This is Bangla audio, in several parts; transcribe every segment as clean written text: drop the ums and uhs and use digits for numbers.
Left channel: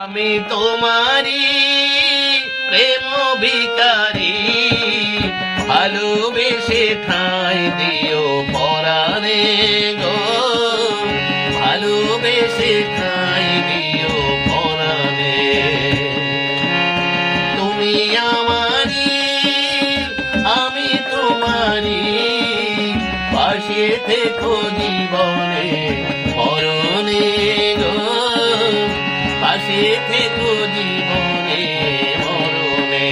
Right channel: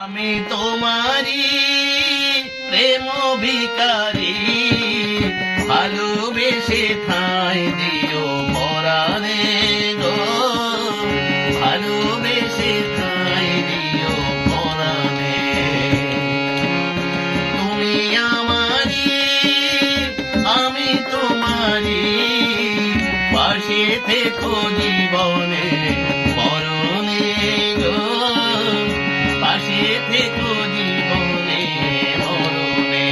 আমি তোমারি প্রেম ভিখারি, ভালোবেসে ঠাঁই দিও পরাণে গো, ভালোবেসে ঠাঁই দিও পরাণে। তুমি আমারি আমি তোমারি, পাশে থেকো জীবনে মরণে গো, পাশে থেকো জীবনে মরণে।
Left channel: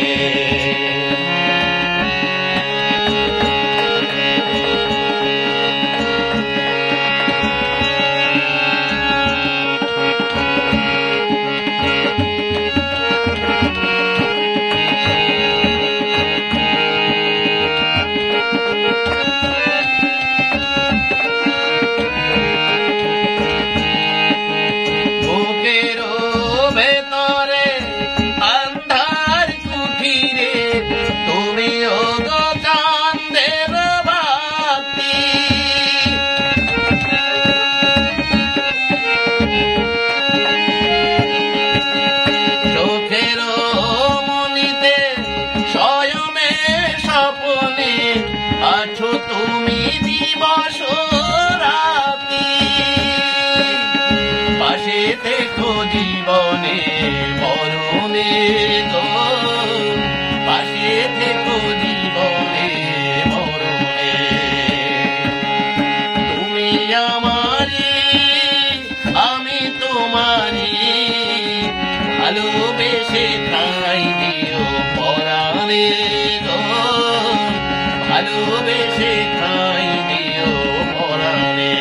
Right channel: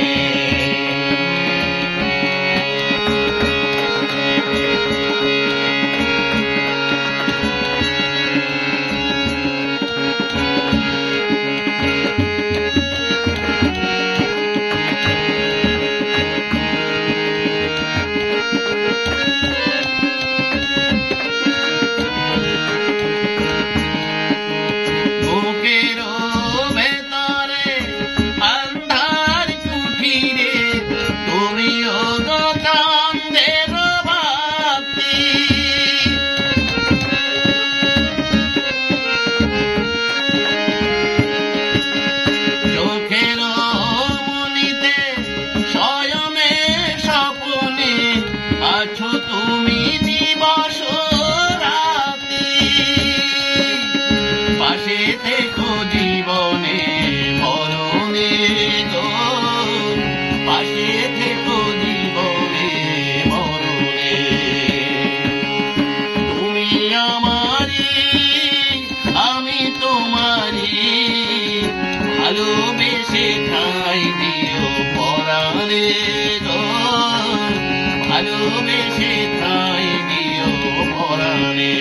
আছো তুমি দিবস রাতি, পাশে থেকো জীবনে মরণে গো, পাশে থেকো জীবনে মরণে। তুমি আমারি আমি তোমারি, ভালোবেসে ঠাঁই দিও পরাণে গো, ভালোবেসে ঠাঁই দিও পরাণে।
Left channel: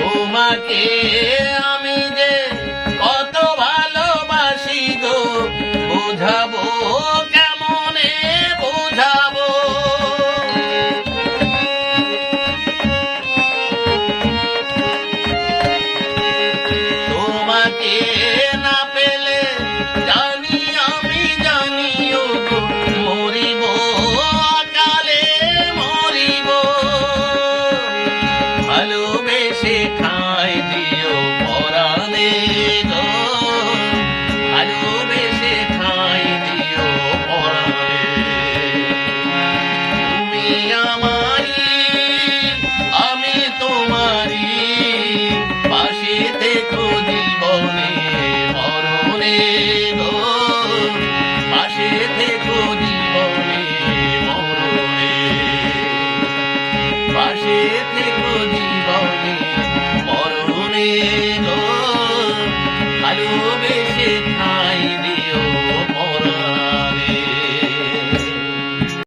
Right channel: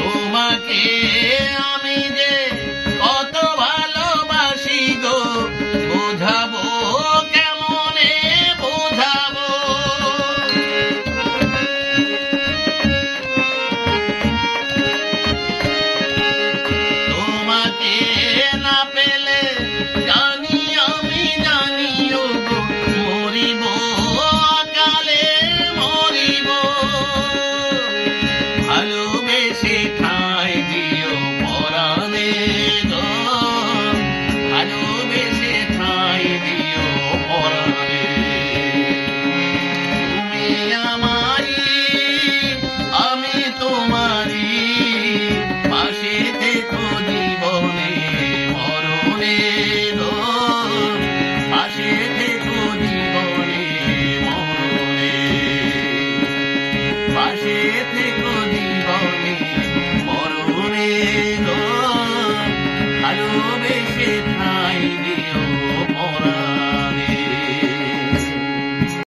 তোমাকে আমি যে কত ভালোবাসি গো, বোঝাবো কেমনে বোঝাবো। তোমাকে না পেলে জানি আমি জানিও গো, মরিব কালে মরিব, ভালোবেসে